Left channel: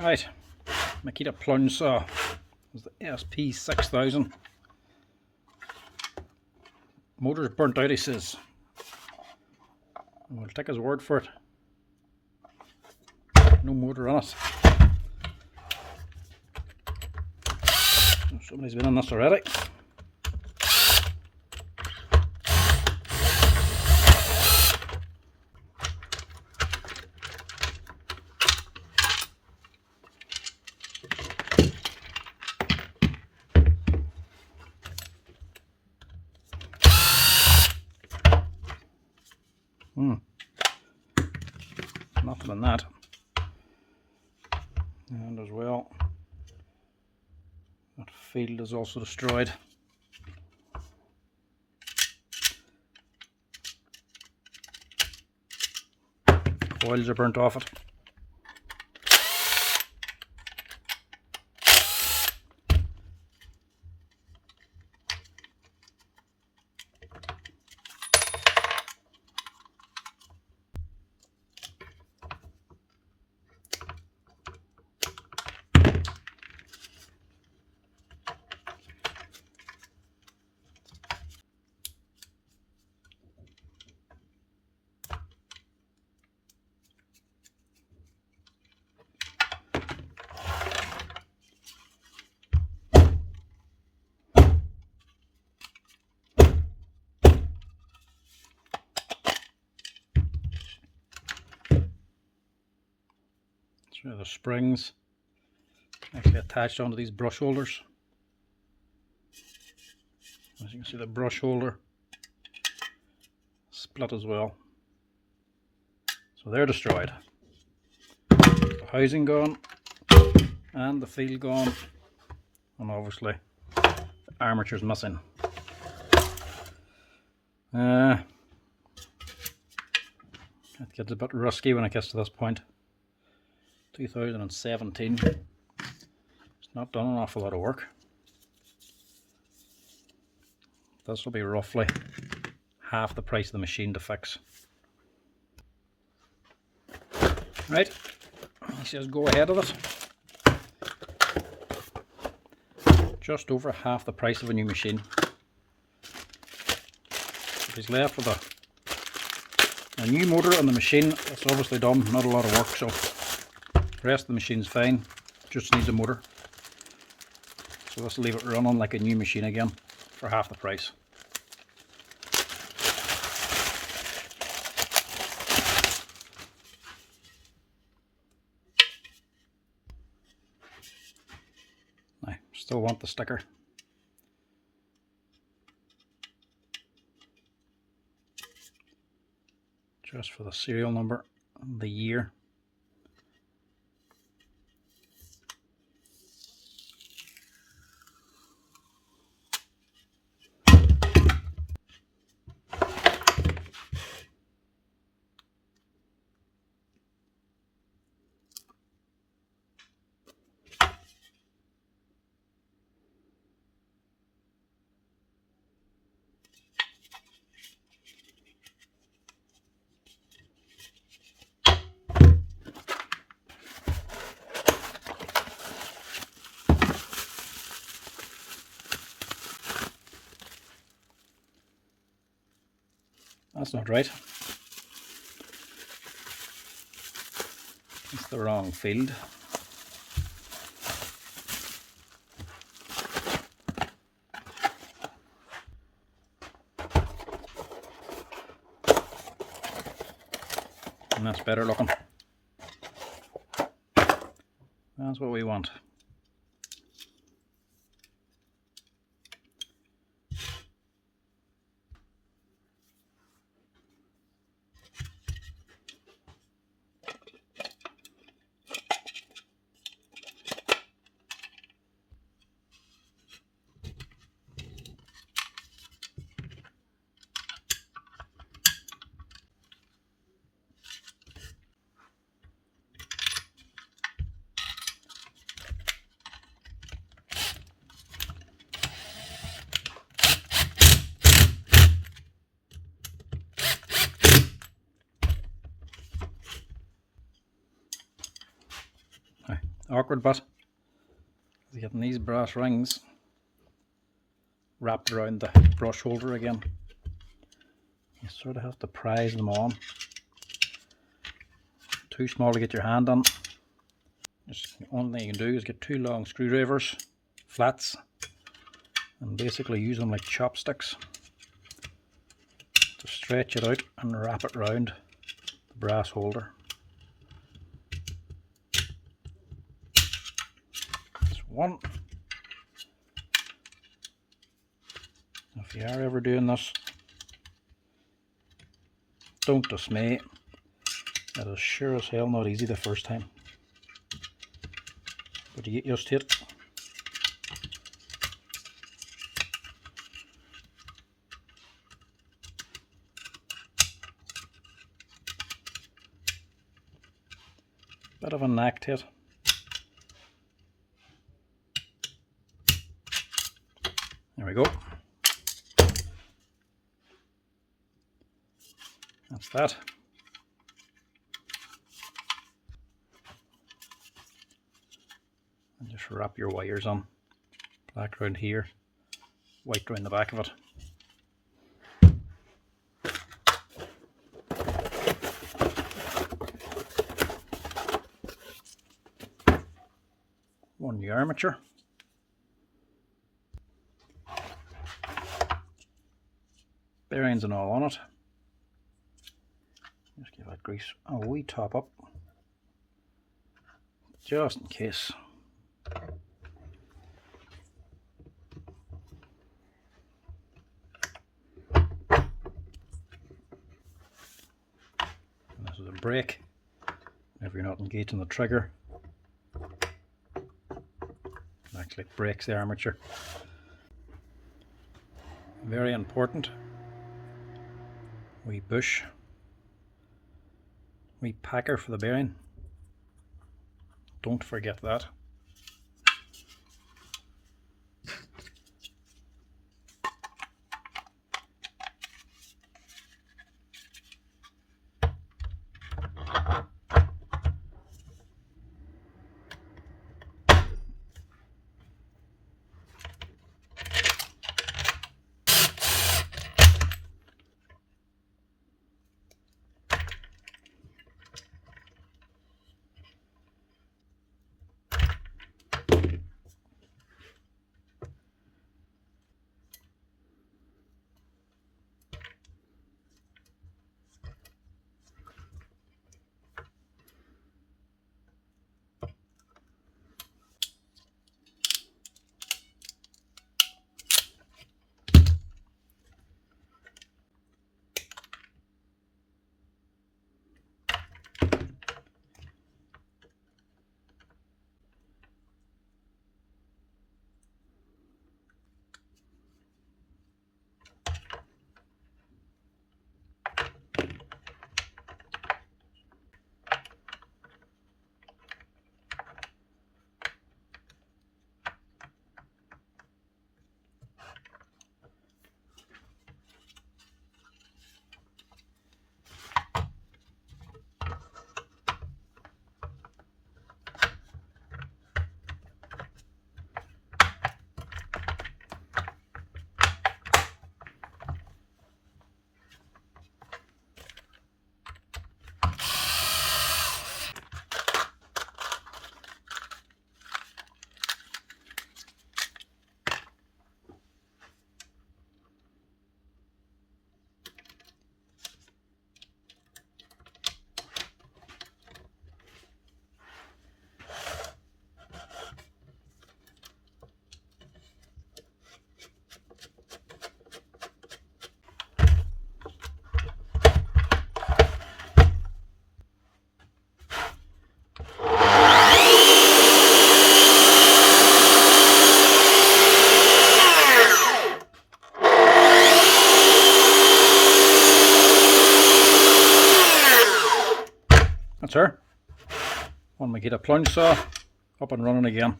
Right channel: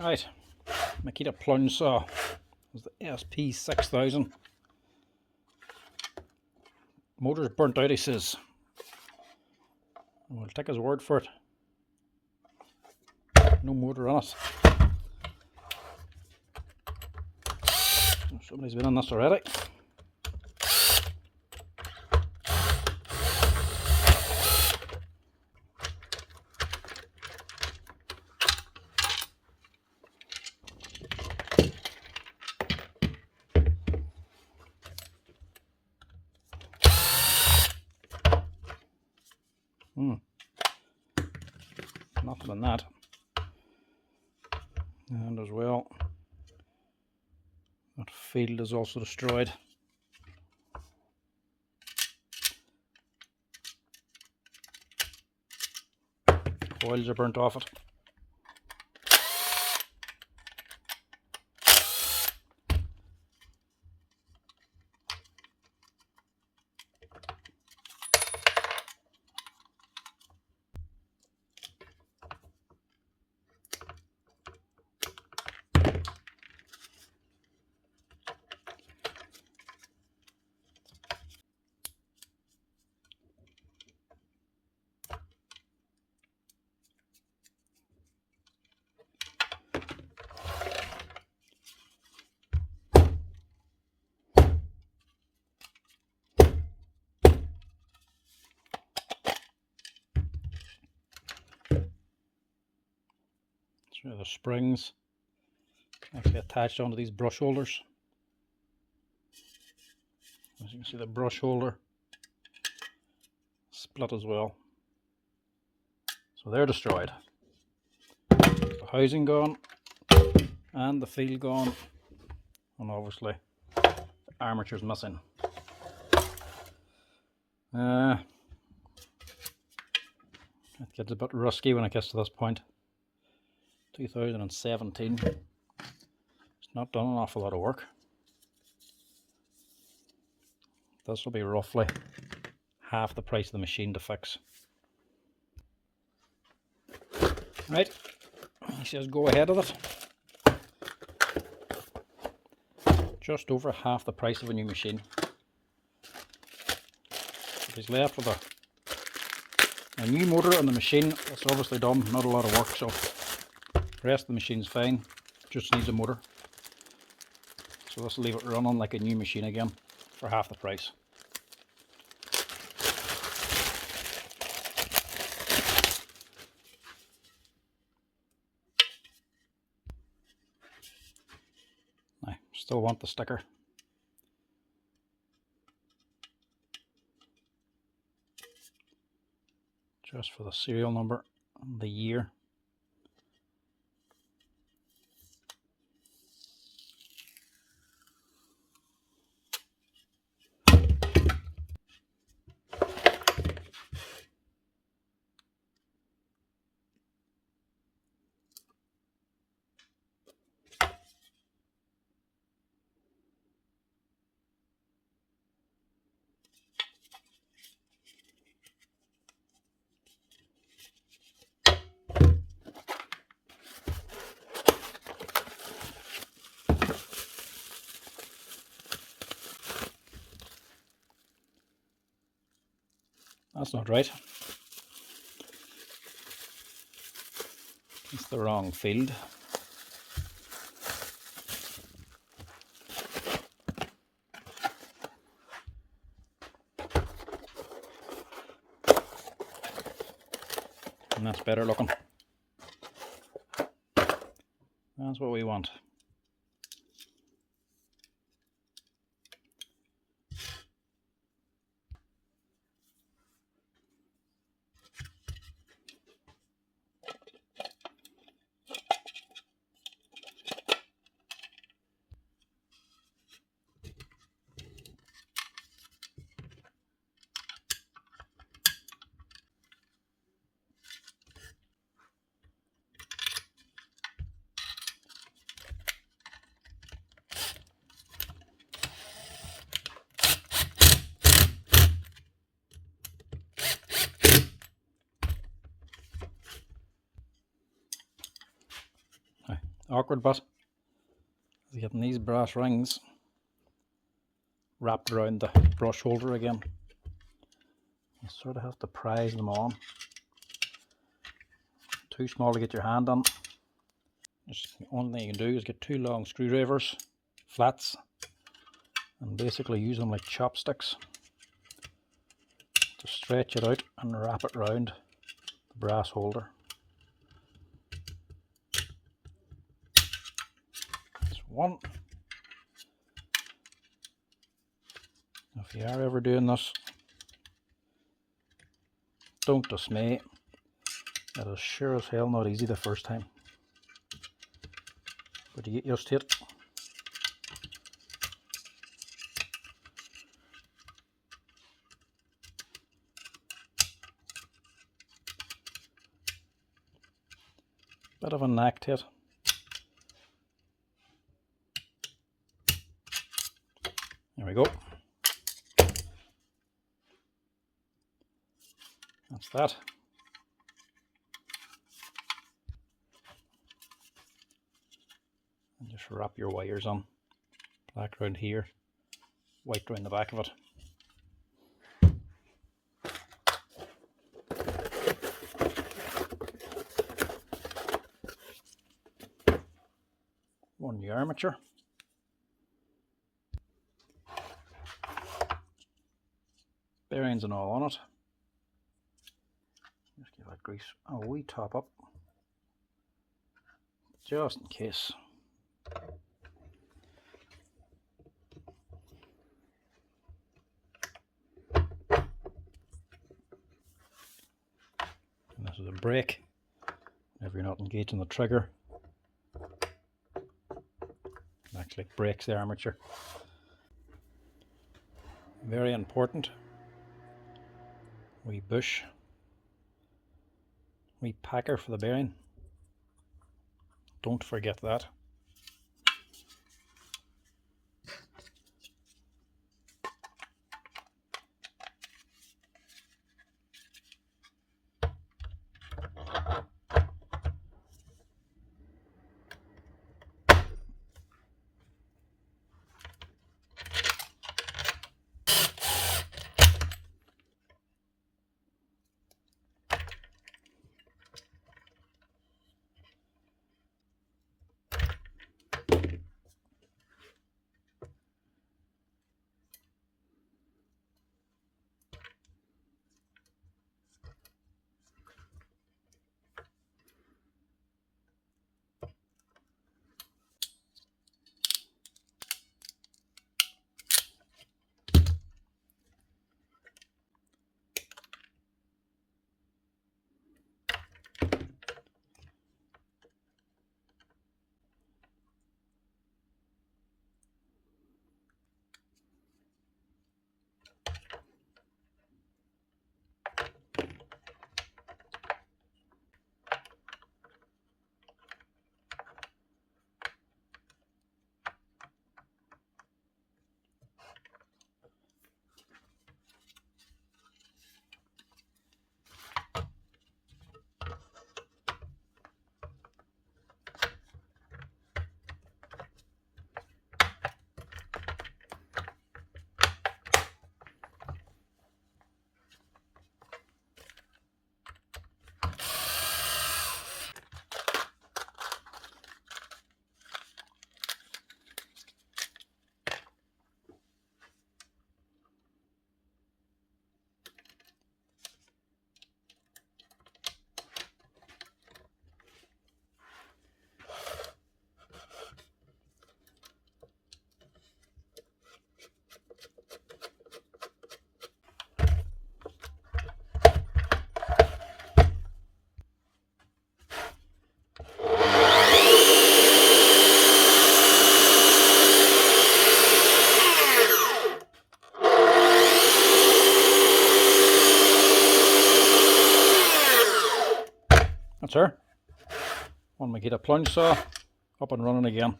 Right, Makita Plunge saw was the SP6000. Motor's burnt out, he says. We'll take his word for it. No motor on it. Somebody's been on this already. Nothing in that. And as well, that field is also destroyed. Coils are burnt off it. So the springs actually attached onto these brush holders. As you can see, the brush holder split as well. So they're destroyed. The housing gone, and the field gone, and obviously the armature's missing. It gets a bit rusty when it gets to this point. 2017. It's not done an awful lot of work. This will be roughly half the price of the machine to fix. Right, he says go ahead of it. Just over half the price of a new machine. So he's left with a new motor on the machine. It's obviously done, not a lot of work, so the rest of the machine's fine, just needs a motor. So let's leave it running like a new machine again for half the price. I still want the sticker. Just for the serial number and the year. That's not right. It's the wrong field. And that's better looking. That's what we want. awkward bit is getting these brass rings wrapped around the brush holder again. You sort of have to prise them on. Too small to get your hand on. Just the only thing you can do is get 2 long screwdrivers, flats, and basically use them like chopsticks to stretch it out and wrap it around the brass holder. That's one. If you are ever doing this, don't dismay. It is sure as hell not easy the first time, but you get used to it. Bit of a knack to it. There we go. That's that. And just wrap your wires on. Black around here, white around the back of it. One new armature. Bearings and all on it. Just give that grease a wee top up, just in case. And this is a brake. If you're not engaging the trigger, it actually breaks the armature. Very important. Wee bush. Wee packer for the bearing. Don't forget that. That's her. One Makita plunge saw, up and running again.